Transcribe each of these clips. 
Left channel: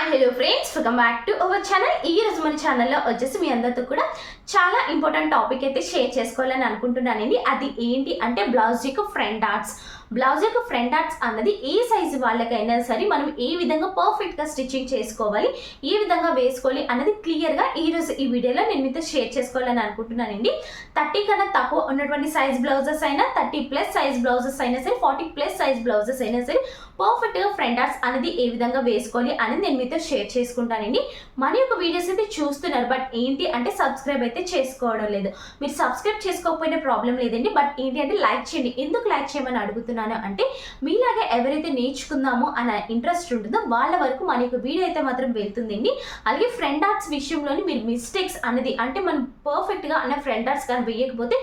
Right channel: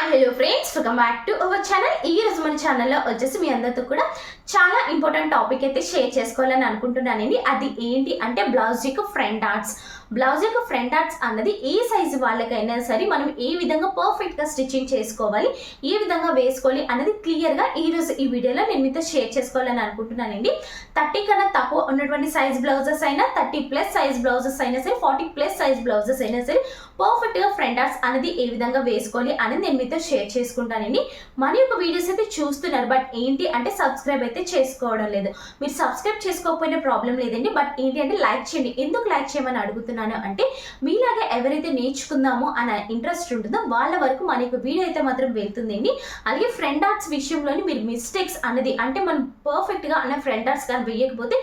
Hi hello friends welcome back to our channel ఈ రోజు మన ఛానల్లో వచ్చేసి మీ అందరితో కూడా చాలా ఇంపార్టెంట్ టాపిక్ అయితే షేర్ చేసుకోవాలని అనుకుంటున్నానండి. అది ఏంటి అంటే బ్లౌజ్ యొక్క ఫ్రంట్ ఆర్ట్స్ బ్లౌజ్ యొక్క ఫ్రంట్ ఆర్ట్స్ అన్నది ఏ సైజు వాళ్ళకైనా సరే మనం ఏ విధంగా పర్ఫెక్ట్గా స్టిచ్చింగ్ చేసుకోవాలి ఏ విధంగా వేసుకోవాలి అన్నది క్లియర్గా ఈ రోజు ఈ వీడియోలో నేను మీతో షేర్ చేసుకోవాలని అనుకుంటున్నానండి. థర్టీ కన్నా తక్కువ ఉన్నటువంటి సైజ్ బ్లౌజెస్ అయినా థర్టీ ప్లస్ సైజ్ బ్లౌజెస్ అయినా సరే ఫార్టీ ప్లస్ సైజ్ బ్లౌజెస్ అయినా సరే పర్ఫెక్ట్గా ఫ్రంట్ ఆర్ట్స్ అనేది ఏ విధంగా వేసుకోవాలి అనేది నేను మీతో షేర్ చేసుకుంటానండి. మన యొక్క వీడియోస్ అయితే చూస్తున్నారు బట్ ఏంటి అంటే సబ్స్క్రైబ్ అయితే చేసుకోవడం లేదు. మీరు సబ్స్క్రైబ్ చేసుకోకపోయినా ప్రాబ్లం లేదండి బట్ ఏంటి అంటే లైక్ చేయండి. ఎందుకు లైక్ చేయమని చేస్తున్నాను అంటే మీలాగే ఎవరైతే నేర్చుకుందామో అన్న ఇంట్రెస్ట్ ఉంటుందో వాళ్ళ వరకు మన యొక్క వీడియో అయితే మాత్రం వెళ్తుందండి. అలాగే ఫ్రెండ్ ఆర్ట్స్ విషయంలోని మీరు మిస్టేక్స్ అనేది అంటే మనం పర్ఫెక్ట్గా అన్న ఫ్రెండ్ ఆర్ట్స్ కానీ వేయకపోతే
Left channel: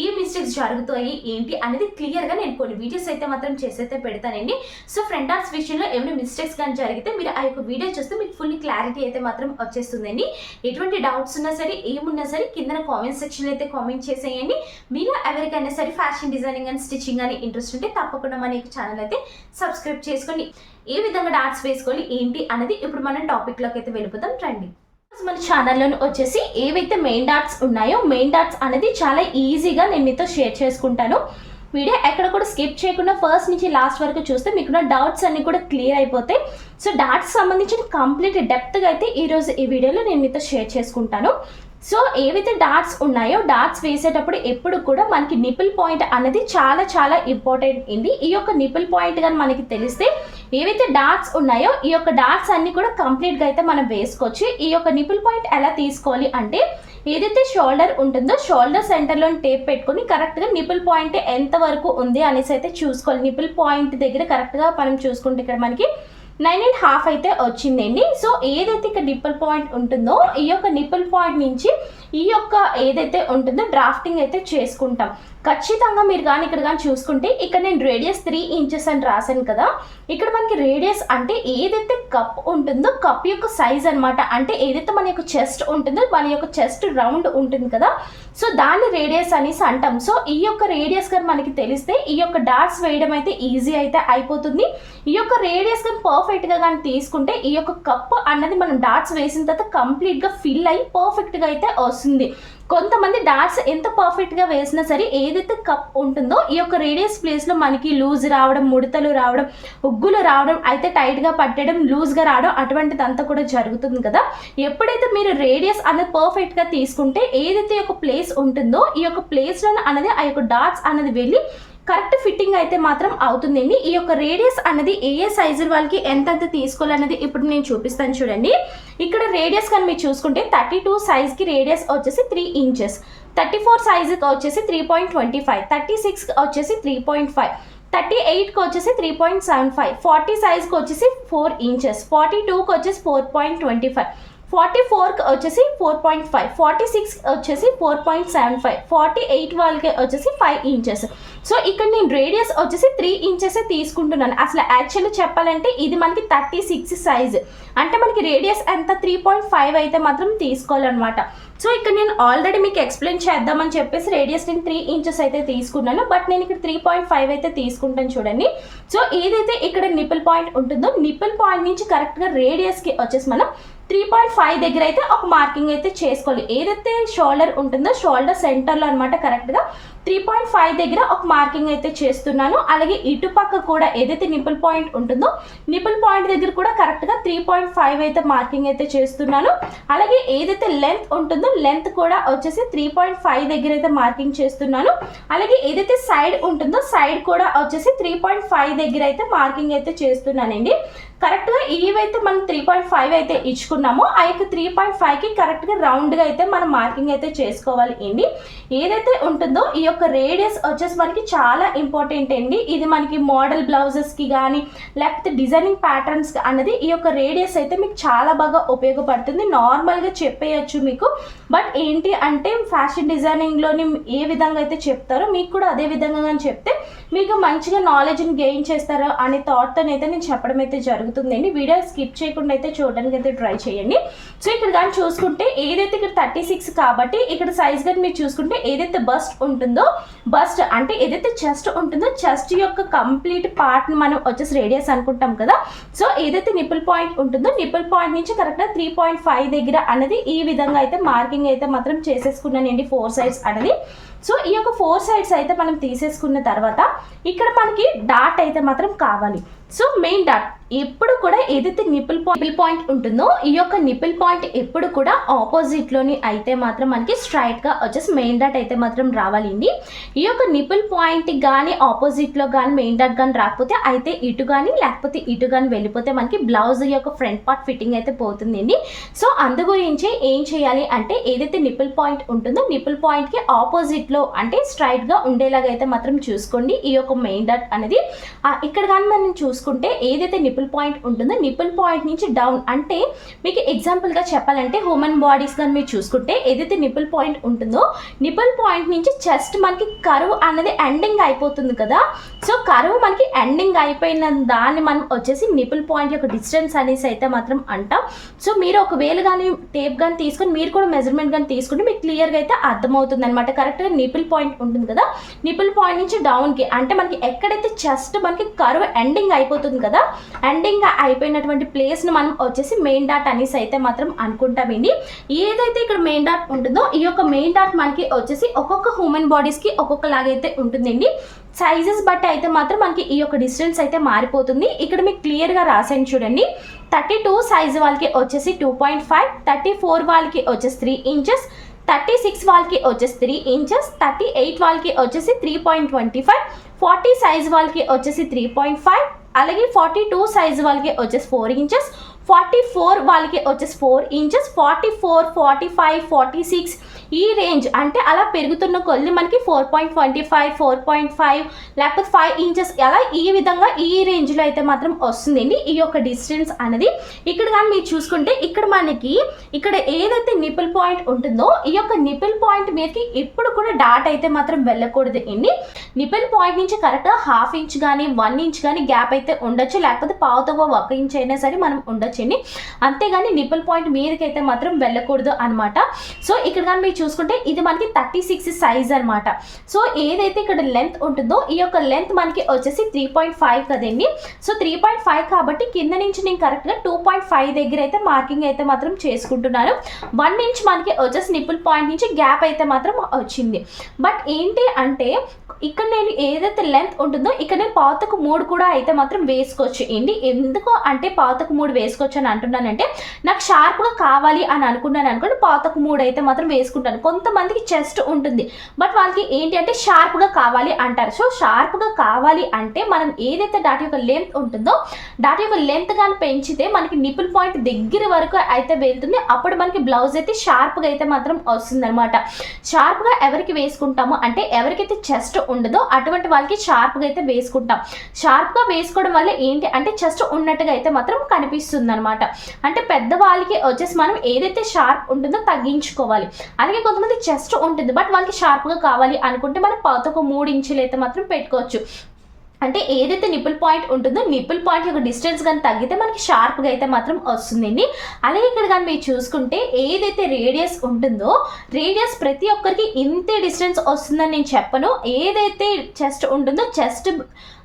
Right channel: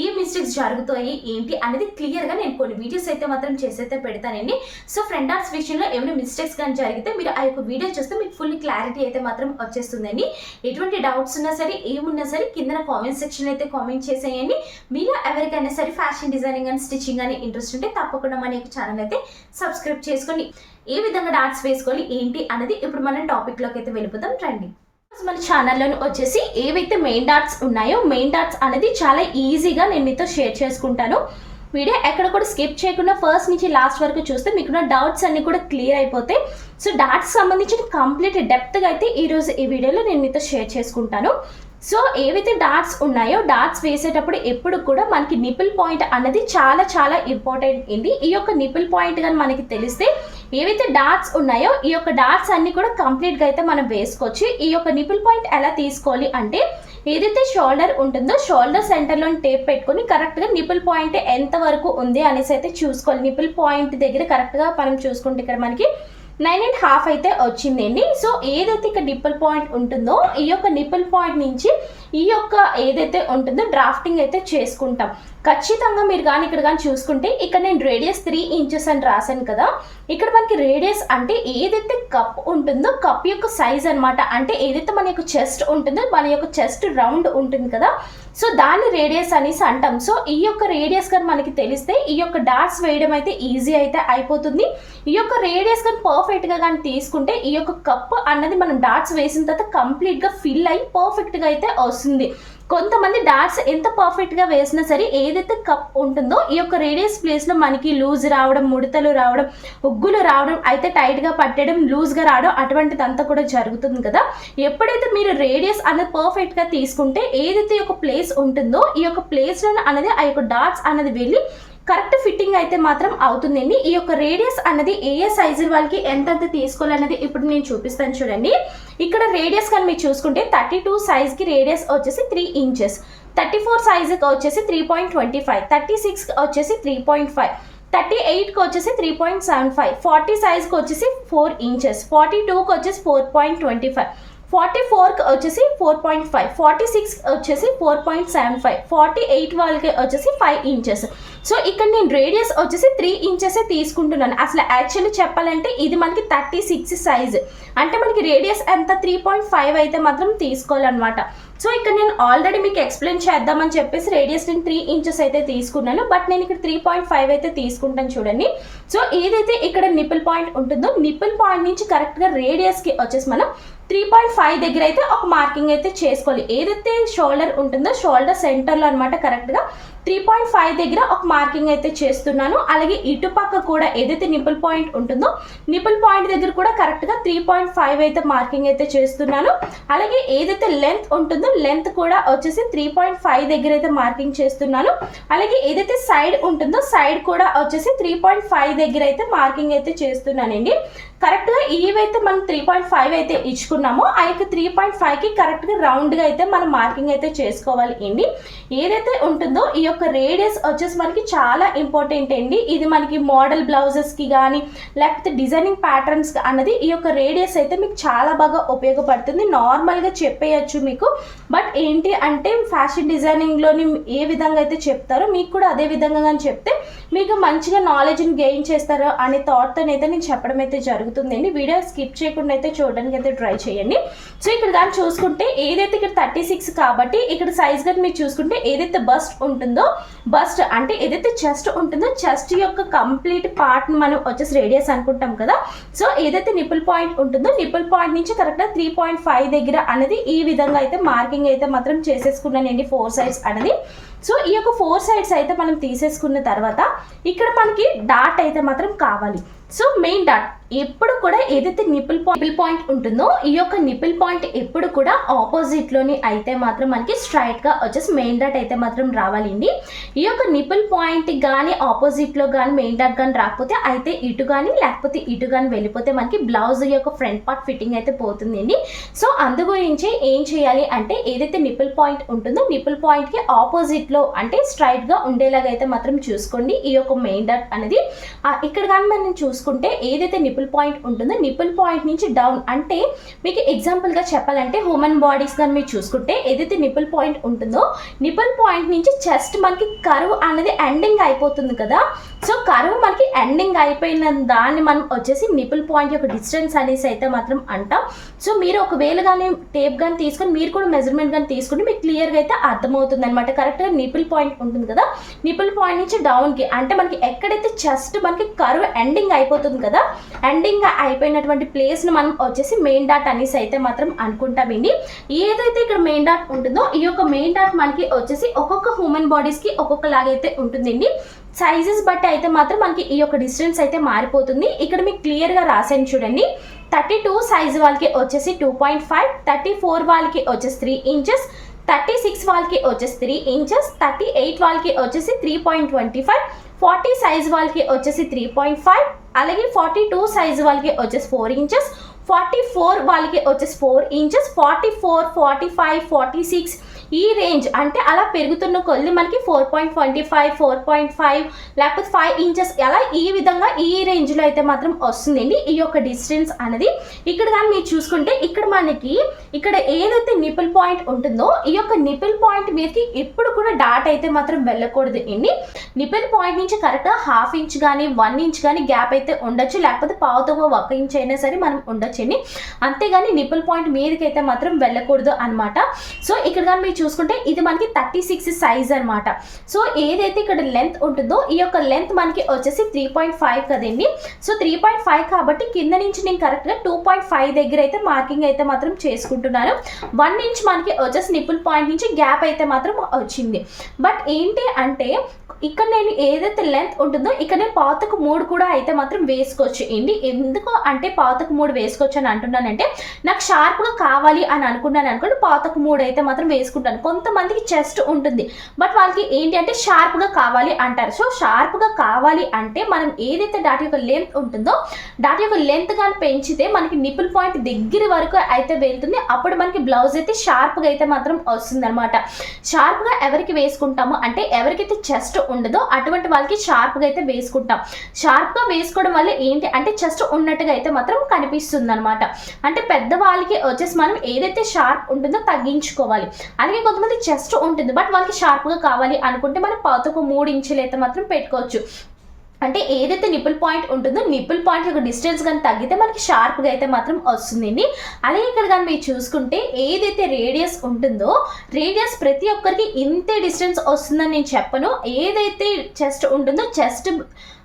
ఏ మిస్టేక్స్ జరుగుతాయి ఏంటి అనేది క్లియర్గా నేను కొన్ని వీడియోస్ అయితే మాత్రం చేసైతే పెడతానండి. సో ఫ్రెండ్ ఆర్ట్స్ విషయంలో ఏమైనా మిస్టేక్స్ కానీ జరిగితే మీరు ఆ యొక్క వీడియో చూస్తే మీకు ఫుల్ క్లారిటీ అయితే మాత్రం వచ్చేస్తుందండి. ఎటువంటి డౌట్స్ ఉన్నా సరే ఏమున్నా సరే కింద కామెంట్ సెక్షన్ అయితే కామెంట్ చేసేయండి. మీరు ఎవరికైనా సరే ఫ్యాషన్ డిజైనింగ్ అండ్ స్టిచ్చింగ్ అని ఇంట్రెస్ట్ ఉంటే తప్పకుండా మన యొక్క ఛానల్ అయితే సబ్స్క్రైబ్ చేసుకోండి ఏ విధంగా డాట్స్ వేసుకోవాలి ఏంటి అనేది ఇప్పుడు మనం టాపిక్లోకి అయితే వెళ్ళిపోతాం రండి. మన ఛానల్లో వచ్చేసి ఏవైతే మెయిన్ డాట్స్ ఉన్నాయో మెయిన్ డాట్స్ అనేది చాలా ఈజీగా నేను మీతో షేర్ చేసుకుంటాను. వీడియో ఎక్కడ కూడా స్కిప్ చేయకుండా ఫస్ట్ నుంచి లాస్ట్ వరకు చూస్తే మీకున్న డౌట్స్ అన్నీ కూడా క్లియర్ అయిపోతాయి. సో డాట్స్ సంబంధించిన కంప్లీట్ డెప్త్గా అయితే ఈరోజు ఈ వీడియోలో నేను మీతో షేర్ చేసుకుంటాను. సో ఏవైతే డాట్స్ ఉన్నాయో డాట్స్ వేసేటప్పుడు ఎప్పుడు కూడా మనకి నిపుల్ పాయింట్ అనేది చాలా చాలా ఇంపార్టెంట్ ఇది ఈ యొక్క నిపుల్ పాయింట్ కానీ మనకి తెలిస్తే ఏవైతే డాట్స్ ఉన్నాయో ఈ యొక్క డాట్స్ అన్ని కూడా కంప్లీట్గా అయితే మనం వేసుకోవచ్చు. ఈ యొక్క నిపుల్ పాయింట్ ఎలా తీసుకోవాలి అంటే ఏదైతే షోల్డర్ ఉంటుందో షోల్డర్ సెంటర్లో టేప్ పెట్టుకొని కరెక్ట్గా నిపుల్ పాయింట్ ఎంత వరకు ఉంది అనేసి అయితే చూసుకోవాలి. నిపుల్ పాయింట్ దగ్గర కరెక్ట్గా మనం చూసుకుంటే ఇక్కడ మనకి నైన్ అండ్ హాఫ్ అయితే వచ్చిందండి. సో ఏదైతే ఇక్కడ నిప్పుల్ పాయింట్ ఉంటుందో ఈ యొక్క నిప్పుల్ పాయింట్ నుంచి ఈ యొక్క ఏదైతే ఉంటుందో డ్రాఫ్టింగ్ అయితే చేసుకుంటాం. ఖచ్చితంగా మీరు కానీ ఇక్కడ కానీ చూసుకుంటే ఇక్కడ నేను రేడియస్ త్రీ ఇంచెస్ అని రాశాను కదా. ఇక్కడ మనకి రేడియస్ అంటే ఏదైతే కప్ ఉంటుందో కప్ యొక్క సైజ్ అనమాట అంటే ఏదైతే మన యొక్క చెస్ట్ ఉంటుందో మన యొక్క చెస్ట్ రౌండ్ ఉంటుంది కదా. సో దాన్ని రేడియస్ అనేసి అంటాం. సో ఈ యొక్క రేడియస్ కానీ మనకి తెలిస్తే ఈ యొక్క డాట్స్ వేయడం అయితే ఈజీ అయితే అయిపోతుంది. ఈ యొక్క రేడియస్ కానీ పర్ఫెక్ట్గా కానీ తీసుకుంటే ఈ యొక్క కప్ అన్నది మనం డాట్స్ వేసిన తర్వాత కంప్లీట్గా ఫిల్ అయ్యి పర్ఫెక్ట్గా అయితే వస్తుంది. కొంతమంది డాట్స్ ఎంత పర్ఫెక్ట్గా వేసినా సరే ఏదైతే కప్ ఉంటుందో ఈ యొక్క రేడియస్ ప్లేస్లో మనకి లూజ్ రావడం ముడతలు రావడం ఉగ్గులు రావడం అయితే టైట్గా పట్టడం లూజ్గా రావడం అటువంటిదంతా కూడా జరుగుతుంది కదా. ఎప్పుడైతే మీరు రేడియస్ అనేది పర్ఫెక్ట్గా తీసుకుంటే ఏదైతే ఒక ప్లేస్ ఉంటుందో ఈ యొక్క ప్లేస్లో అనేది ఆ యొక్క డాట్స్ అనేది వెళ్ళి కరెక్ట్ ఫిట్టింగ్ అయితే మాత్రం అవుతుందండి. ఈ యొక్క రేడియస్ అనేది ఏ ఏ సైజు వాళ్ళకి ఎంతెంత తీసుకోవాలనేది ఇప్పుడు నేను చూపిస్తాను చూడండి. ఇక్కడ రేడియస్ కానీ మీరు చూసుకుంటే థర్టీ టూ సైజ్కి రేడియస్ వచ్చేసి త్రీ ఇంచెస్ థర్టీ ఫోర్ సైజుకి వచ్చేసి three point twenty five thirty సిక్స్కి వచ్చేసి త్రీ పాయింట్ ఫైవ్ థర్టీ ఎయిట్కి వచ్చేసి three point seven five forty సైజ్కి వచ్చేసి ఫోర్ ఇంచెస్ ఫార్టీ టూకి వచ్చేసి four point twenty five forty ఫోర్కి వచ్చేసి four point five forty six వచ్చేసి four point seven five forty eight వాళ్ళకి వచ్చేసి ఫైవ్ ఇంచెస్. సో ఇక్కడ నేను రేడియస్ వచ్చేసి త్రీ ఇంచెస్ తీసుకుంటున్నాను. అసలు యాక్చువల్లీ చెప్పాలంటే ఇది మనకి థర్టీ సిక్స్ సైజ్. అంటే మనకి రేడియస్ ఎంత? త్రీ పాయింట్ ఫైవ్ అయితే మాత్రం తీసుకోవాలన్నమాట. సో ఇక్కడ నేను ఆల్రెడీ మీకు ఎక్స్ప్లెయిన్ చేద్దామని చెప్పేసి రేడియస్ నేను త్రీ ఇంచెస్ అయితే తీసుకున్నాను బట్ నేను ఇక్కడ త్రీ పాయింట్ ఫైవ్ అయితే తీసుకుంటాను చూడండి. సో ఏదైతే ఇక్కడ నిపుల్ పాయింట్ ఉంటుందో నిపుల్ పాయింట్ నుంచి కరెక్ట్గా రేడియస్కి వచ్చేసి మనం త్రీ పాయింట్ ఫైవ్ దగ్గర అయితే ఒక మార్కింగ్ అయితే చేసుకోవాలి. ఏదైతే షోల్డర్ ఉంటుందో షోల్డర్ సెంటర్లో అనమాట కరెక్ట్గా త్రీ పాయింట్ ఫైవ్ దగ్గర ఒక మార్కింగ్ అయితే చేస్తున్నాను. అలాగే ఇటుపక్క కూడా ఏదైతే నిపుల్ పాయింట్ ఉంటుందో నిపుల్ పాయింట్ దగ్గర కూడా కరెక్ట్గా త్రీ పాయింట్ ఫైవ్ అయితే మార్కింగ్ అయితే చేస్తున్నాను. అలాగే ఏదైతే లెంత్ ఉంటుందో లెంత్ కూడా వచ్చేసి త్రీ పాయింట్ ఫైవ్ దగ్గర అయితే మార్కింగ్ చేస్తున్నాను. అలాగే ఏదైతే సైడ్ ఉంటుందో సైడ్ కూడా వచ్చేసి త్రీ పాయింట్ ఫైవ్ దగ్గర అయితే మార్కింగ్ అయితే చేస్తున్నానండి. కరెక్ట్గా ఈవైతే మనం త్రీ పాయింట్ ఫైవ్ అయితే ఇచ్చుకున్నామో. ఆ యొక్క త్రీ పాయింట్ ఫైవ్కి కరెక్ట్గా రౌండ్గా అయితే మనం మార్కింగ్ అయితే చేసుకోవాలి అండి. ఏదైతే ఉంటుందో ఈ యొక్క రేడియస్ వచ్చేసి మనకి చాలా ఇంపార్టెంట్ అండి. ఇది మనకి మోడల్ బ్లౌజెస్కి కానీ లేకపోతే డిజైనింగ్ ప్యాటర్న్స్ అన్నది ఈ యొక్క రేడియస్ అయితే మీకు చాలా బాగా ఉపయోగపడుతుంది. నార్మల్గా చెప్పేయచ్చు మీకు. బట్ ఏంటి అంటే ఫ్యాషన్ డిజైనింగ్లోని ఏ విధంగా అయితే చెప్తారో మీకు కూడా అదే విధంగా కానీ చెప్తే మీకు మంచిగా నాలెడ్జ్ని గెయిన్ చేస్తారో అనే థాట్తో అయితే నేను చెప్పడం అయితే జరుగుతుంది. ఉంటుందండి. వీడియో స్కిప్ చేయకుండా అయితే చూడడానికి అయితే ట్రై చేయండి. సో ఇక్కడ కానీ చూసుకుంటే ఏదైతే ఇక్కడ థర్టీ సిక్స్ కాబట్టి ఇక్కడ సైజ్ కానీ మీరు చూసుకుంటే ఏదైతే బస్ట్ ఉంటుందో బస్ట్ అంటే ఏదైతే చెస్ట్ ఉంటుందో చెస్ట్ యొక్క కంప్లీట్ పార్ట్ని మనం వచ్చేసి రేడియస్ అనుకుంటాం కదా. సో ఏదైతే నిపుల్ పాయింట్ ఉంటుందో నిపుల్ పాయింట్ నుంచి కరెక్ట్గా త్రీ పాయింట్ ఫైవ్ దగ్గర అనేది ఈ విధంగా అయితే మార్కింగ్ అయితే మాత్రం చేసేసుకున్నానండి ఫోర్ సైడ్స్ అనేది. సో ఈ యొక్క ఫోర్ సైడ్స్ అయితే మనం తీసేసుకున్న తర్వాత ఇక్కడ మనకి డాట్ అయితే మాత్రం కావాలి. సో మెయిన్ డాట్ ఎప్పుడు కూడా ఏదైతే నిపుల్ పాయింట్ పాయింట్ ఉంటుందో ఈ యొక్క నిపుల్ పాయింట్ ఎప్పుడు కూడా ఆపోజిట్లోని అయితే మాత్రం మనకి స్ట్రైట్గా వచ్చేసి మెయిన్ డాట్ అయితే మాత్రం రావాలండి. ఈ యొక్క నిపుల్ పాయింట్ కానీ ఆపోజిట్లో కానీ మెయిన్ డాట్ కానీ రాకపోతే అయితే ఇటు కానీ లేకపోతే ఇటు కానీ వెళ్ళిపోతే మనకి బ్లౌజ్ యొక్క ఫ్రంట్ పార్ట్ ఫిట్టింగ్ అయితే పోతుందండి. సో అందు గురించి ఏం చేయాలి అంటే ఏదైతే నిపుల్ పాయింట్ ఉంటుందో నిపుల్ పాయింట్కి ఆపోజిట్లో అంటే స్ట్రైట్గా ఉండేలాగా అయితే మాత్రం చూసుకోండి. ఈ యొక్క మెయిన్ డాట్ అనేది. ఇక్కడ కానీ మనం చూసుకుంటే ఏదైతే నిపుల్ పాయింట్ ఉంటుంది? నిపుల్ పాయింట్ నుంచి డౌన్ అంటే మీకు ఎగ్జాంపుల్గా చెప్పాలంటే హ్యూమన్ బాడీస్ కానీ మీరు చూసుకుంటే ఏదైతే నిపుల్ పాయింట్ ఉంటుందో నిపుల్ పాయింట్ నుంచి చెస్ట్ మనకి కరువు అన్నది ఎండింగ్ అయిపోతుంది కదా. సో కరువు మనకి ఎండింగ్ అయిపోయిన దాన్ని మనం వచ్చేసి నిపుల్ పాయింట్ యొక్క డిస్టెన్స్ అనేసి అయితే మాత్రం అంటాం. సో మీరు ఒకవేళ కానీ టేప్ కానీ తీసుకొని మీరు కూడా మెజర్మెంట్ కానీ తీసుకుంటే మీకు క్లియర్గా అయితే అర్థమవుతుంది అనమాట కరెక్ట్గా నిపుల్ పాయింట్ ఉంటుంది కదా. నిపుల్ పాయింట్ నుంచి డౌన్కి అంటే మనకి ఎక్కడైతే చెస్ట్ మనకి కరువు ఎండింగ్ అయిపోతుంది కదా ఎండింగ్ అయిపోయినటువంటి ప్లేస్ని మనం వచ్చేసి మెయిన్ డాట్ అనేసి అయితే మాత్రం అనుకుంటామండి. ఏదైతే ఇక్కడ మెయిన్ డాట్ ఉంటుందో ఈ యొక్క మెయిన్ డాట్ మనకి వచ్చేసి ఒక్కొక్క హ్యూమన్ బాడీస్కి ఒక్కొక్కలాగైతే ఉంటుందండి. సైజెస్ బట్టి అయితే మాత్రం మనకి ఈ యొక్క డిస్టెన్స్ అయితే మారిపోతుంది. ఇక్కడ మీకు క్లియర్గా రాసాను చూడండి. థర్టీ టూ సైజ్ వాళ్ళకి వచ్చేసి two point five thirty four వాళ్ళకి వచ్చేసి త్రీ ఇంచెస్ థర్టీ సిక్స్ వాళ్ళకి వచ్చేసి త్రీ ఇంచెస్ థర్టీ ఎయిట్ వాళ్ళకి వచ్చేసి three point twenty five forty size వాళ్ళకి వచ్చేసి త్రీ పాయింట్ ఫైవ్ అలాగే ఫార్టీ టూ సైజ్ వాళ్ళకి వచ్చేసి ఫోర్ ఇంచెస్ ఫార్టీ ఫోర్ వాళ్ళకి వచ్చేసి four inches forty four forty five forty six ఈ రేంజ్ అంటే అలా పెరుగుతున్న కొద్ది మనకి four point twenty five four point five లేకపోతే ఫైవ్ ఇంచెస్ అలా ఈ విధంగా ఈ రేంజ్లో అయితే మాత్రం వస్తుందండి. ఈ యొక్క డిస్టెన్స్ అనేది ఇక్కడ కానీ మీరు చూసుకుంటే ఇక్కడ మనకి ఇక్కడ ఏదైతే నిపుల్ పాయింట్ ఉంటుందో ఈ యొక్క నిపుల్ పాయింట్ మీదకి ఎప్పుడు కూడా డాట్ అయితే మాత్రం వెళ్ళకూడదు అండి. నిపుల్ పాయింట్ నుంచి కరెక్ట్గా హాఫ్ ఇంచ్ కానీ వన్ ఇంచ్ కానీ గ్యాప్ అయితే ఉండొచ్చు. లేకపోతే పావుతో ఒక ఇంచ్ అయినా సరే మనం ఉండొచ్చండి అంతేగాని నిపుల్ పాయింట్ మీదకి అయితే మాత్రం వెళ్ళకూడదు అనమాట సో ఇక్కడ కానీ మీరు చూసుకుంటే ఇది మనకి థర్టీ సిక్స్ సైజ్ అనమాట సో ఏదైతే ఇక్కడ లెంత్ ఉంటుందో ఈ యొక్క లెంత్ మనకి వచ్చేసి త్రీ పాయింట్ ఫైవ్ కదండి. సో త్రీ పాయింట్ ఫైవ్ కాబట్టి కింద నుంచి నేను కరెక్ట్గా టూ పాయింట్ ఫైవ్ దగ్గర అయితే మార్కింగ్ అయితే మాత్రం చేసుకుంటున్నాను. వన్ ఇంచ్ మనకి వచ్చేసి నిప్పుల్ పాయింట్ నుంచి గ్యాప్ అయితే మాత్రం వచ్చింది. బట్ ఏంటి అంటే ఇక్కడ నేను ఏదైతే లెంత్ ఉంటుందో ఇక్కడ నేను పాతకు మూడు కూడా అయితే మాత్రం వేసుకోవచ్చు. ఏంటి? ఎందుకు అంటే పాతకు మూడు వేసుకోవచ్చు అని అంటున్నానంటే నాకు షార్ప్గా కావాలి అని అనుకున్నాను అనుకోండి పాతకు మూడు అయితే మాత్రం వేసుకుంటాను. కొంతమందికి చెస్ట్ ఉంటుంది. బట్ వాళ్ళకి ఏంటి అంటే షార్ప్గా కావాలి అంటారు. సో షార్ప్గా కావాలి అంటే మనం ఏదైతే డాట్ యొక్క లెంత్ ఉంటుందో డాట్ యొక్క లెంత్ కానీ పెంచితే మనకి నిపుల్ పాయింట్ దగ్గర వరకు అయితే వెళ్తుంది. అప్పుడు మనకి బ్లౌజ్ అయితే షార్ప్గా అయితే మాత్రం వస్తుంది అనమాట షార్ప్గా ఎవరికి వేసుకుంటామో అంటే ఎవరికైతే చెస్ట్ ఉండదో అటువంటి వాళ్ళకి షార్ప్గా అయితే వేసుకుంటాం. షార్ప్గా వేసుకోవడం వల్ల ఏంటి అంటే చెస్ట్ ఉన్నట్టుగా అయితే మాత్రం కనిపిస్తుంది అనమాట అంటే పెద్దవాళ్ళకి వచ్చేసి మనం ఏదైతే షార్ప్ ఉంటుందో తగ్గించుకోవాలి. అది అలాగే కొంతమంది చెస్ట్ ఉంటుంది బట్ వాళ్ళకి షార్ప్గా కావాలి అనుకుంటే మనం పాతకు మూడు ఇంచులు అయితే మాత్రం పెట్టుకోవచ్చు. అంటే ఏదైతే నిపుల్ పాయింట్ ఉంటుందో నిపుల్ పాయింట్ యొక్క డిస్టెన్స్ కానీ తగ్గితే మనకి షార్ప్గా అయితే మాత్రం వస్తుందండి. అలాగే ఇక్కడ కానీ మీరు చూసుకుంటే ఏదైతే రేడియస్ ఉంటుందో రేడియస్ ప్రతి ఒక్కరికి ఇంతే డిస్టెన్స్ వస్తుందని నేను చెప్పను. ఏదైతే చెస్ట్ ఉంటుందో చెస్ట్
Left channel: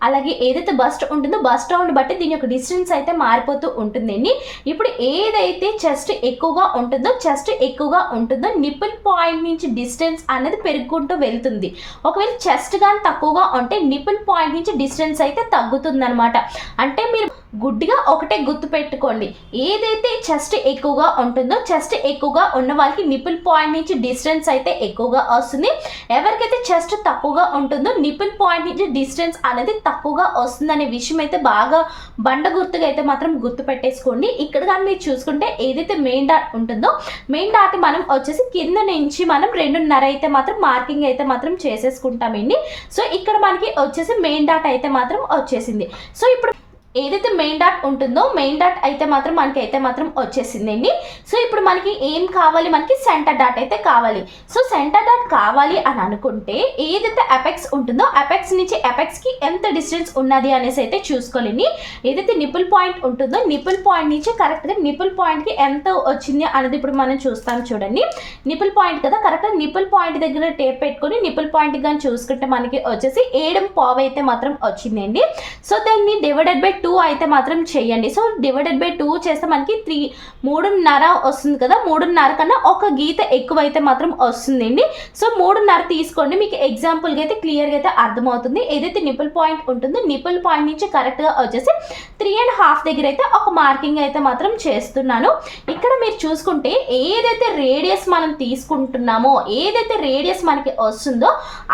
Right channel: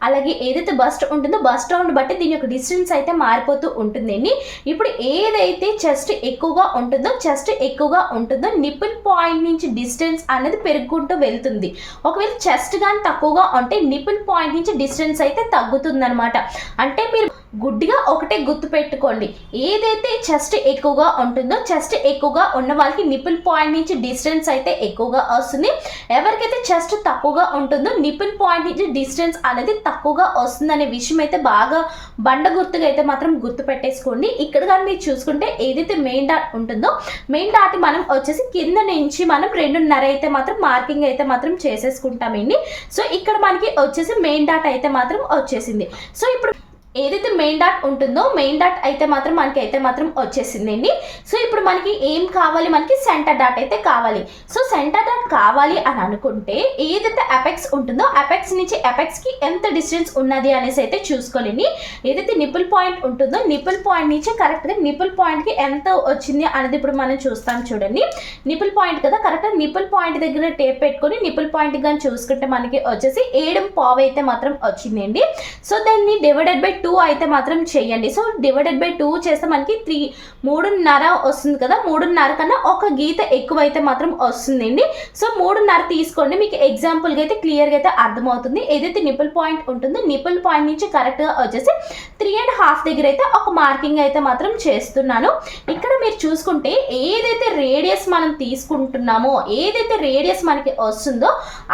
అలాగే ఏదైతే బస్ట్ ఉంటుందో బస్ రౌండ్ బట్టి దీని యొక్క డిస్టెన్స్ అయితే మారిపోతూ ఉంటుందండి. ఇప్పుడు ఏదైతే చెస్ట్ ఎక్కువగా ఉంటుందో చెస్ట్ ఎక్కువగా ఉంటుందో నిపుల్ పాయింట్ నుంచి డిస్టెన్స్ అనేది పెరుగుకుంటూ వెళ్తుంది. ఒకవేళ చెస్ట్ కానీ తక్కువగా ఉంటే నిపుల్ పాయింట్ నుంచి డిస్టెన్స్ అయితే తగ్గుతుందనమాట అంటే మీరు గుడ్డిగా ఒకటే గుర్తు పెట్టుకోండి. ఏదైతే చెస్ట్ ఎక్కువగా ఉంటుందో చెస్ట్ ఎక్కువగా ఉన్న వాళ్ళకి నిపుల్ పాయింట్ నుంచి డిస్టెన్స్ అయితే ఎక్కువగా వస్తుంది. ఎవరికైతే చెస్ట్ తక్కువగా ఉంటుందో నిపుల్ పాయింట్ నుంచి డిస్టెన్స్ అనేది తక్కువగా వస్తుంది అనే విషయం అయితే బాగా బండ గుర్తుగా అయితే మాత్రం గుర్తు పెట్టేసుకోండి. ఇక్కడ కానీ మీరు చూసుకుంటే ఏదైతే మెయిన్ డాట్ ఉంటుందో మెయిన్ డాట్ మనం వచ్చేసి కింద నుంచి మనం రెండున్నర అయితే మాత్రం మార్కింగ్ అయితే మాత్రం చేసేసుకుంటామండి. సో ఇక్కడ మనకి వచ్చేసి మెయిన్ డాట్ అయితే మాత్రం వచ్చేసింది. సో ఇప్పుడు ఏదైతే మెయిన్ డాట్ ఉంటుందో మెయిన్ డాట్ అయితే మాత్రం మనకి అయితే మాత్రం వచ్చేసిందండి. సో ఇప్పుడు మనకి ఏం కావాలి? మనకి సెంటర్ డాట్ అయితే కావాలి. సో సెంటర్ డాట్ కావాలి అని అనుకుంటే ఏదైతే అపెక్స్ ఉంటుందో అపెక్స్ నుంచి అపెక్స్కి ఎంత డిస్టెన్స్ ఉన్నది అనేసి అయితే చూసుకోలేండి. ఏదైతే నిపుల్ పాయింట్ ఉంటుందో నిపుల్ పాయింట్ నుంచి కరెక్ట్గా నిపుల్ పాయింట్కి ఎంత వచ్చింది అనేది ఇప్పుడు మనం చూస్తాం చూడండి. నిపుల్ పాయింట్ కదా కరెక్ట్గా నిపుల్ పాయింట్ దగ్గర టేప్ పెట్టుకొని నిపుల్ పాయింట్ కానీ చూసుకుంటే మనకి వచ్చేసి ఏడు పావు అయితే మాత్రం వచ్చిందండి. సో దీన్ని డివైడెడ్ బై టూ అయితే మాత్రం చేయండి. సో డివైడెడ్ బై టూ చేస్తే మనకి త్రీ మూడున్నర వస్తుంది కదా? మూడున్నర కన్నా ఒక గీత ఎక్కువ అయితే మాత్రం వస్తుందండి. సో మూడున్నర తీసుకోండి. మీకు ఎగ్జాంపుల్గా అయితే క్లియర్గా అయితే అర్థమవుతుంది. ఏదైతే నిపుల్ పాయింట్ ఉంటుందో నిపుల్ పాయింట్ నుంచి కరెక్ట్గా వచ్చేసి త్రీ అండ్ హాఫ్ దగ్గర అయితే ఒక మార్కింగ్ అయితే మాత్రం చేస్తున్నాను. ఇక్కడ మీరు చూసుకుంటే ఏదైతే రేడియస్ మనం తీసుకుంటున్నామో ఏదైతే రేడియస్ మనకి వస్తుందో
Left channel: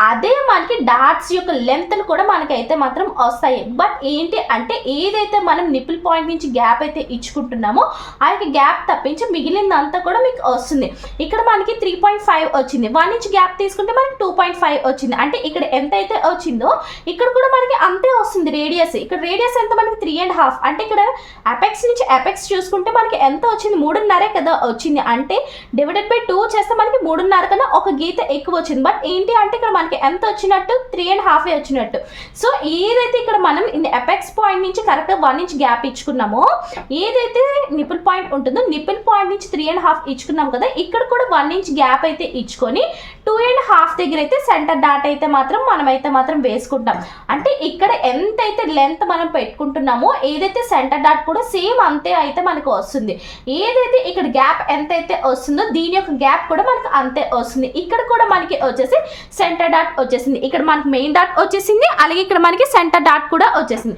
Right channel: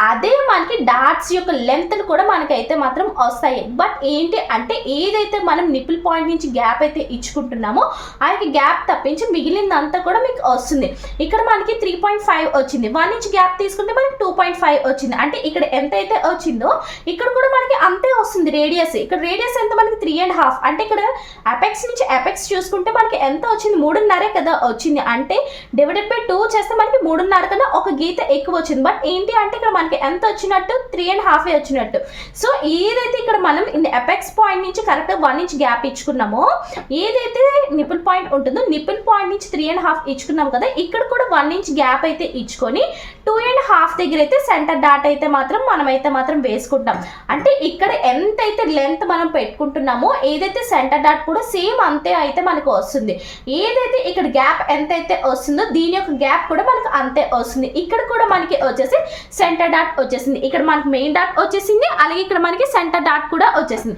అదే మనకి డాట్స్ యొక్క లెంత్లు కూడా మనకైతే మాత్రం వస్తాయి. బట్ ఏంటి అంటే ఏదైతే మనం నిప్పుల్ పాయింట్ నుంచి గ్యాప్ అయితే ఇచ్చుకుంటున్నామో ఆ యొక్క గ్యాప్ తప్పించి మిగిలిందంతా కూడా మీకు వస్తుంది. ఇక్కడ మనకి త్రీ పాయింట్ ఫైవ్ వచ్చింది. వన్ ఇంచ్ గ్యాప్ తీసుకుంటే మనకి టూ పాయింట్ ఫైవ్ వచ్చింది. అంటే ఇక్కడ ఎంత అయితే వచ్చిందో ఇక్కడ కూడా మనకి అంతే వస్తుంది రేడియస్ ఇక్కడ రేడియస్ ఎంత? మనకి త్రీ అండ్ హాఫ్ అంటే ఇక్కడ అపెక్స్ నుంచి అపెక్స్ చూసుకుంటే మనకి ఎంత వచ్చింది? మూడున్నరే కదా వచ్చింది. అంటే డివైడెడ్ బై టూ చేస్తే మనకి మూడున్నర కన్నా ఒక గీత ఎక్కువ వచ్చింది. బట్ ఏంటి అంటే ఇక్కడ మనకి ఎంత వచ్చినట్టు? త్రీ అండ్ హాఫ్ వచ్చినట్టు. సో ఏదైతే ఇక్కడ మనం ఎపెక్స్ పాయింట్ నుంచి కరెక్ట్గా వన్ ఇంచ్ గ్యాప్ ఇచ్చుకున్నామో. ఏదైతే నిపుల్ పాయింట్ ఉంటుందో నిపుల్ పాయింట్ నుంచి త్రీ అండ్ హాఫ్ ఇచ్చుకున్నాం కదా ఇక్కడ కూడా వన్ ఇంచ్ గ్యాప్ అయితే ఇచ్చుకొని టూ అండ్ హాఫ్ దగ్గర అయితే సెంటర్ డాట్ అయితే మాత్రం మనం అయితే మాత్రం వేసుకుంటాం. అంటే ఇక్కడ ఎంతైతే లెంత్ మనం పెట్టుకుంటున్నామో ఏదైతే సెంటర్ డాట్ కూడా సేమ్ అంతే అయితే మనకు వస్తుంది. ఏదైతే ఇక్కడ గ్యాప్ ఎంత అయితే వస్తుందో దీని యొక్క గ్యాప్ కూడా మనకు అంతే వస్తుంది. ఇక్కడ కూడా మనకి వచ్చేసి సెంటర్ డాట్ వచ్చేసింది. ఇక్కడ మనకి మెయిన్ డాట్ వచ్చేసింది అలాగే ఇక్కడ మనకి సెంటర్ డాట్ కూడా వచ్చేసింది.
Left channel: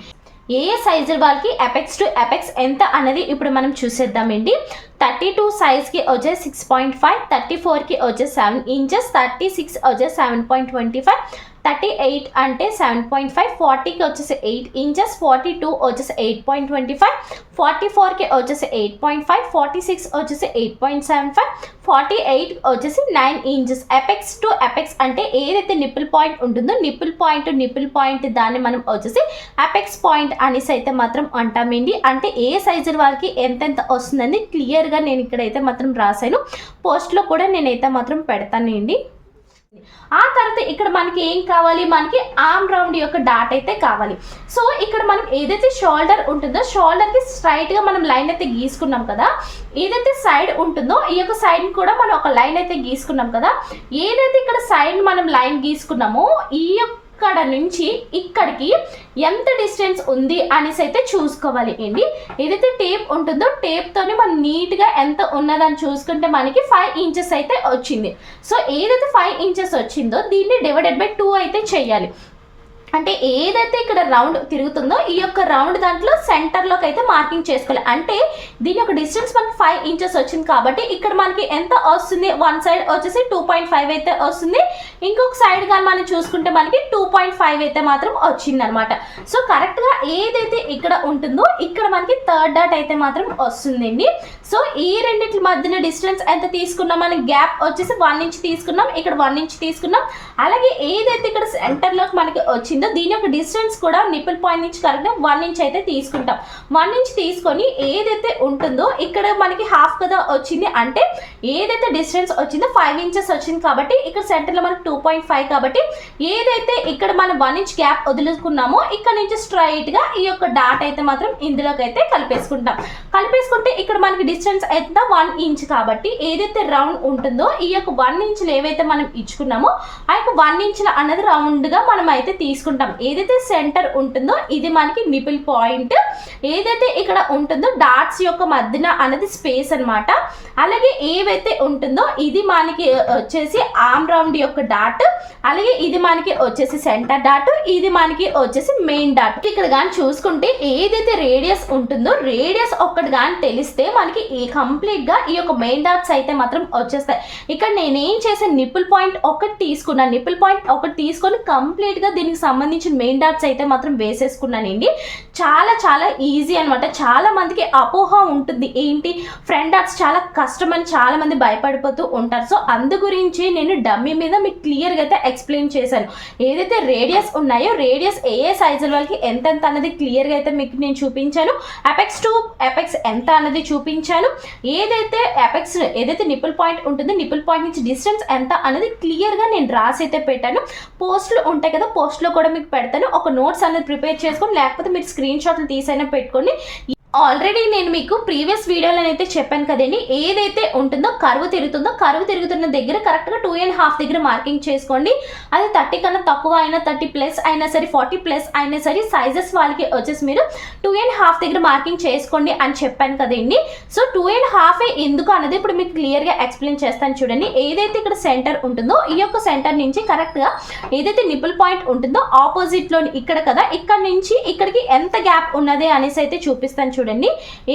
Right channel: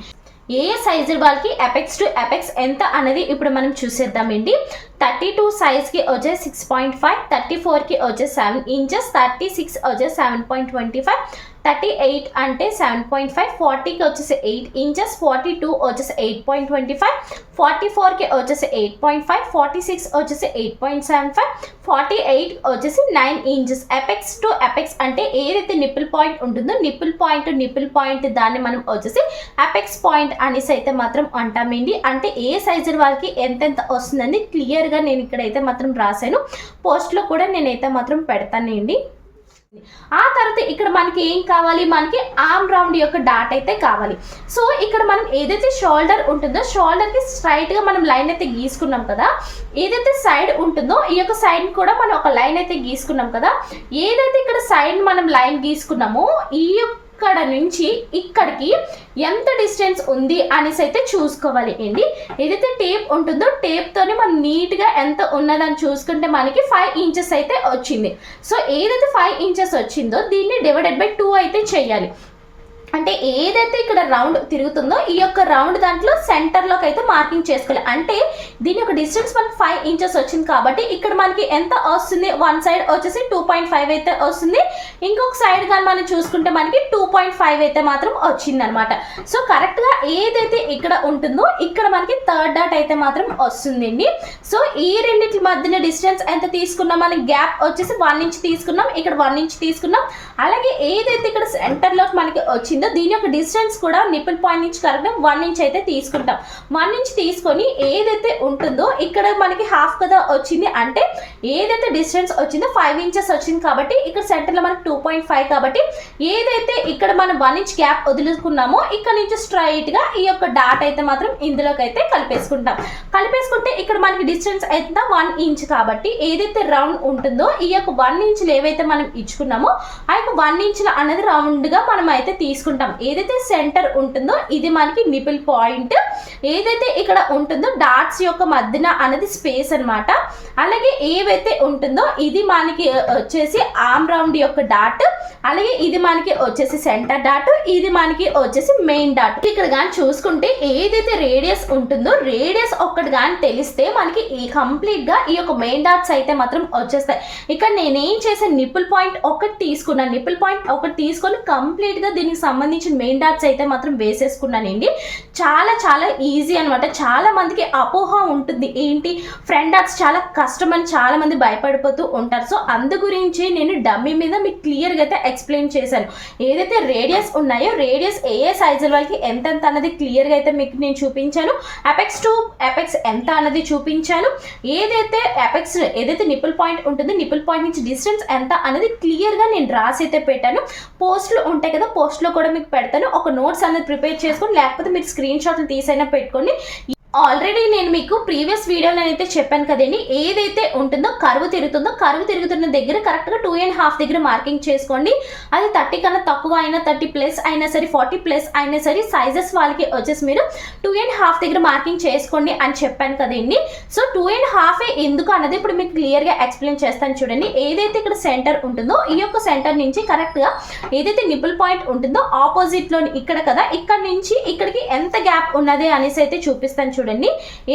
ఏ ఏ సైజు వాళ్ళకి ఎపెక్స్ టు ఎపెక్స్ ఎంత అనేది ఇప్పుడు మనం చూసేద్దామండి థర్టీ టూ సైజ్కి వచ్చే సిక్స్ పాయింట్ ఫైవ్ థర్టీ ఫోర్కి వచ్చే సెవెన్ ఇంచెస్ థర్టీ సిక్స్ వచ్చే seven point twenty five thirty eight అంటే సెవెన్ పాయింట్ ఫైవ్ ఫార్టీకి వచ్చేసి ఎయిట్ ఇంచెస్ ఫార్టీ టూ వచ్చేసి eight point twenty five forty ఫోర్కి వచ్చేసి eight point five forty six వచ్చేసి eight point seven five forty eight వచ్చేసి nine inches apex to apex అంటే ఏదైతే నిప్పుల్ పాయింట్ ఉంటుందో నిప్పుల్ పాయింట్ నిప్పుల్ పాయింట్ దాన్ని మనం వచ్చేసి అపెక్స్ పాయింట్ అనేసి అయితే మాత్రం అంటామండి. అంటే ఏ సైజు వాళ్ళకి ఎంతెంత వస్తుందని క్లియర్గా నేను ఇక్కడైతే మాత్రం రాశాను. పోస్ట్లో కూడా నేనైతే మాత్రం పెడతానండి. ఆ తర్వాత ఇక్కడ మనకి ఏం కావాలి? మనకి ఆర్మ్ రౌండ్ యొక్క డాట్ అయితే కావాలి. సో ఇక్కడ మనం ఏదైతే షోల్డర్ ఉంటుందో షోల్డర్కి స్ట్రైట్గా మనం లైన్ అయితే గీసుకున్నాం కదా ఏదైతే సైడ్ ఉంటుందో ఈ యొక్క సైడ్ కూడా మనం ఒక లైన్ అయితే గీసుకున్నాం కదా ఏదైతే ఇక్కడ సైడ్ మనం లైన్ గీసుకున్నామో ఈ యొక్క ఇక్కడ నుంచి ఇక్కడికి ఎంత డిస్టెన్స్ ఉంది అనేసి అయితే చూసుకోవాలి. అండి ఏదైతే టేప్ ఉంటుందో టేప్తోనే మనం నీట్గా ఎంత ఉన్నదని చూసుకుంటే మనకి ఫైవ్ ఇంచెస్ అయితే వచ్చింది. సో ఏదైతే ఫైవ్ ఇంచెస్ వచ్చిందో దీన్ని డివైడెడ్ బై టూ అయితే చేయాలి. అంటే ఏదైతే ఇక్కడ రౌండ్ తిరుగుతుందో ఈ యొక్క రౌండ్ దాంట్లో సెంటర్లోకి అయితే మార్కింగ్ చేసుకోవాలి. అంటే దీని యొక్క డిస్టెన్స్ మనకి ఫైవ్ ఇంచెస్ వచ్చింది కాబట్టి ఇక్కడ మనకి ఎంత వస్తుంది? వన్ సైడ్ వచ్చేసి టూ పాయింట్ ఫైవ్ అయితే వస్తుంది. ఇంకొక సైడ్ కానీ మనం చూసుకుంటే మనకి టూ పాయింట్ ఫైవ్ అయితే మాత్రం వచ్చింది అనమాట సో కరెక్ట్గా ఏదైతే ఇక్కడ ఉంటుందో ఇక్కడ మనకి థర్డ్ డాట్ అయితే మాత్రం వస్తుందండి. సో ఈ రెండింటి మధ్యన డిస్టెన్స్ ఎంత తీసుకున్నాం? మనకి గ్యాప్ వచ్చేసి వన్ ఇంచ్ తీసుకున్నాం. ఇక్కడ వన్ ఇంచ్ తీసుకున్నాం. అలాగే ఏదైతే ఇక్కడ సెంటర్లోకి మనకి వచ్చింది దీని యొక్క డిస్టెన్స్ కూడా నిప్పుల్ పాయింట్ నుంచి కరెక్ట్గా వన్ ఇంచ్ అయితే తీసుకుంటాం. వన్ ఇంచ్ తీసుకొని ఏదైతే ఉంటుందో ఇక్కడ మనకి హాఫ్ కదా వచ్చింది అంటే ఏదైతే డిస్టెన్స్ వచ్చిందో ఫైవ్ ఇంచెస్ వచ్చింది కాబట్టి ఇక్కడ సెంటర్లో మనకి టూ పాయింట్ ఫైవ్ కాబట్టి ఏదైతే ఇక్కడ మనం వన్ ఇంచ్ గ్యాప్ వదులుకున్నామో ఇక్కడ నుంచి స్ట్రైట్గా ఈ యొక్క డాట్ అయితే మాత్రం ఇందులోకి అయితే కలిపేసుకుంటాం. కలిపేసుకుంటే ఇక్కడ మనకి డిస్టెన్స్ అయితే వన్ ఇంచ్ కాబట్టి ఏదైతే రౌండ్ ఉంటుందో ఈ యొక్క వన్ ఇంచ్లు ఏవైతే మనం ఇచ్చుకున్నామో ఆ యొక్క వన్ ఇంచ్ల అన్నది రౌండ్గా మనం అయితే తీసుకుంటాం. ఏదైతే సెంటర్ ఉంటుందో ఇది మనకి నిపిల్ పాయింట్ ఏదైతే ఇక్కడ ఉంటుందో డాట్స్ యొక్క మధ్యన అనేది స్పేస్ అన్నమాట. అలాగే ఏవైతే ఉంటుందో ఇది మనకి వచ్చేసి ఆమ్ రౌండ్ యొక్క డాట్ అలాగే ఇది మనకి వచ్చేసి సెంటర్ డాట్ ఇది మనకి వచ్చేసి మెయిన్ డాట్ ఇక్కడ కానీ చూసుకుంటే ఏదైతే రేడియస్ ఉంటుందో రేడియస్ ఒక్కటి కానీ తెలిస్తే మనకి ఈ కంప్లీట్గా ఈ యొక్క మెయిన్ డాట్స్ అయితే మాత్రం వచ్చేస్తాయి. ఇక్కడ నేనేం చేశాను? నిపుల్ పాయింట్ ఒకటి తీసుకున్నాను. నిప్పుల్ పాయింట్ ఒకటి తీసుకొని కంప్లీట్గా దీనికి సంబంధించిన మెయిన్ డాట్స్ అయితే మాత్రం వేసేసుకున్నానండి. చాలా చాలా ఈజీ అనమాట చాలా మందికి అపోహ ఉంటుంది. ఏంటి? ఫ్రంట్ డాట్స్ చాలా కష్టం అని చాలా మంది భయపడిపోతూ ఉంటారు. సో అందు గురించి నేను డమ్మీ మీద మీకు క్లియర్గా అయితే ఎక్స్ప్లెయిన్ చేశాను. ఏదైతే రేడియస్ ఉన్నాయో రేడియస్ ఏ ఏ సైజుల వాళ్ళకి ఎంతెంత అన్నది క్లియర్గా అయితే మీకు నేను చూపించాను. అపెక్స్ టు అపెక్స్ ఎంత అన్నది చూపించాను. ఏదైతే అపెక్స్ ఏదైతే నిపుల్ పాయింట్ ఉంటుంది నిపుల్ పాయింట్ నుంచి డిస్టెన్స్ ఎంత అనేది క్లియర్గా నేను రాసి అయితే పెట్టాను. పోస్ట్లు ఉంటాయి కదా పోస్ట్లో కూడా మీకు పెడతాను. ఒక నోట్స్ అనేది ప్రిపేర్ చేసుకొని లేకపోతే మీరు స్క్రీన్ షాట్లు తీసైనా పెట్టుకొని ఆల్రెడీ నేను మీకు ప్రీవియస్ వీడియోలో అయితే చెప్పాను కదండి ఏదైతే ఉంటుందో కరువు తిరుగుతుందో కరువు తిరుగుతున్న దగ్గర కరెక్ట్గా టూ అండ్ హాఫ్ దగ్గర మార్కింగ్ చేసుకోండి. అది థర్టీ కన్నా తక్కువ అయినా థర్టీ ప్లస్ అయినా సరే ఫార్టీ ప్లస్ అయినా సరే సైజెస్ వాళ్ళకి వచ్చేసి మీరు టూ అండ్ హాఫ్ దగ్గర మార్కింగ్ చేసుకోండి అని చెప్పాను కదండి. సో టూ అండ్ హాఫ్ ఎందుకు అన్నది ఇప్పుడు మీకు క్లియర్గా ఎక్స్ప్లెయిన్ చేస్తాను చూడండి. ఏదైతే ఇక్కడ సెంటర్ ఉంటుందో ఈ యొక్క సెంటర్ నుంచి కరెక్ట్గా ఏదైతే నిపుల్ పాయింట్ ఉంటుందో ఆపోజిట్లో ఇక్కడ కదా ఇక్కడ నుంచి ఇక్కడికి ఎంత గ్యాప్ ఉన్నది అనేసి అయితే చూపిస్తాను చూడండి.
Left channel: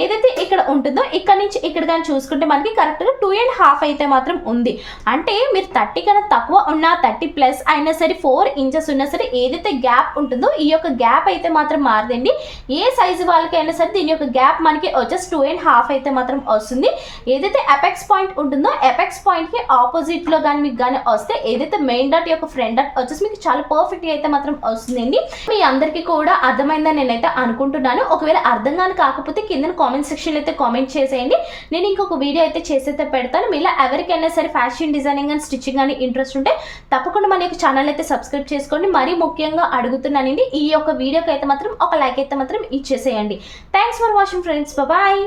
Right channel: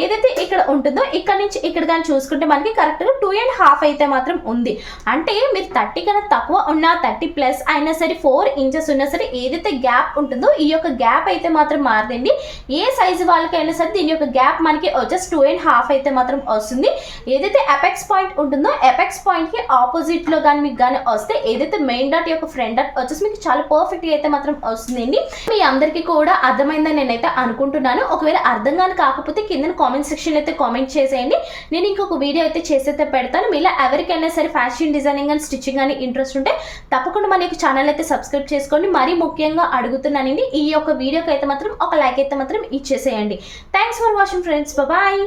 ఏదైతే ఇక్కడ ఉంటుందో ఇక్కడ నుంచి ఇక్కడ కానీ చూసుకుంటే మనకి కరెక్ట్గా టూ అండ్ హాఫ్ అయితే మాత్రం ఉంది. అంటే మీరు థర్టీ కన్నా తక్కువ ఉన్న థర్టీ ప్లస్ అయినా సరే ఫోర్ ఇంచెస్ ఉన్నా సరే ఏదైతే గ్యాప్ ఉంటుందో ఈ యొక్క గ్యాప్ అయితే మాత్రం మారదండి. ఏ సైజు వాళ్ళకైనా సరే దీని యొక్క గ్యాప్ మనకి వచ్చేసి టూ అండ్ హాఫ్ అయితే మాత్రం వస్తుంది. ఏదైతే ఎపెక్స్ పాయింట్ ఉంటుందో ఎపెక్స్ పాయింట్కి ఆపోజిట్లో కానీ మీకు కానీ వస్తే ఏదైతే మెయిన్ డాట్ యొక్క ఫ్రంట్ డాట్ వచ్చేసి మీకు చాలా పర్ఫెక్ట్గా అయితే మాత్రం వస్తుందండి. మీ అందరికీ కూడా అర్థమైందని నేనైతే అనుకుంటున్నాను. ఒకవేళ అర్థం కానీ కాకపోతే కింద కామెంట్ సెక్షన్ అయితే కామెంట్ చేసేయండి. నేను ఇంకొక వీడియో అయితే చేసైతే పెడతాను. మీలో ఎవరికైనా సరే ఫ్యాషన్ డిజైనింగ్ అండ్ స్టిచ్చింగ్ అని ఇంట్రెస్ట్ ఉంటే తప్పకుండా మన యొక్క ఛానల్ అయితే సబ్స్క్రైబ్ చేసుకోండి. మరీ ముఖ్యంగా అడుగుతున్నానండి ఈ యొక్క వీడియోకి అయితే మాత్రం ఒక లైక్ అయితే మాత్రం ఇచ్చేసేయండి. Thanks for watching friends bye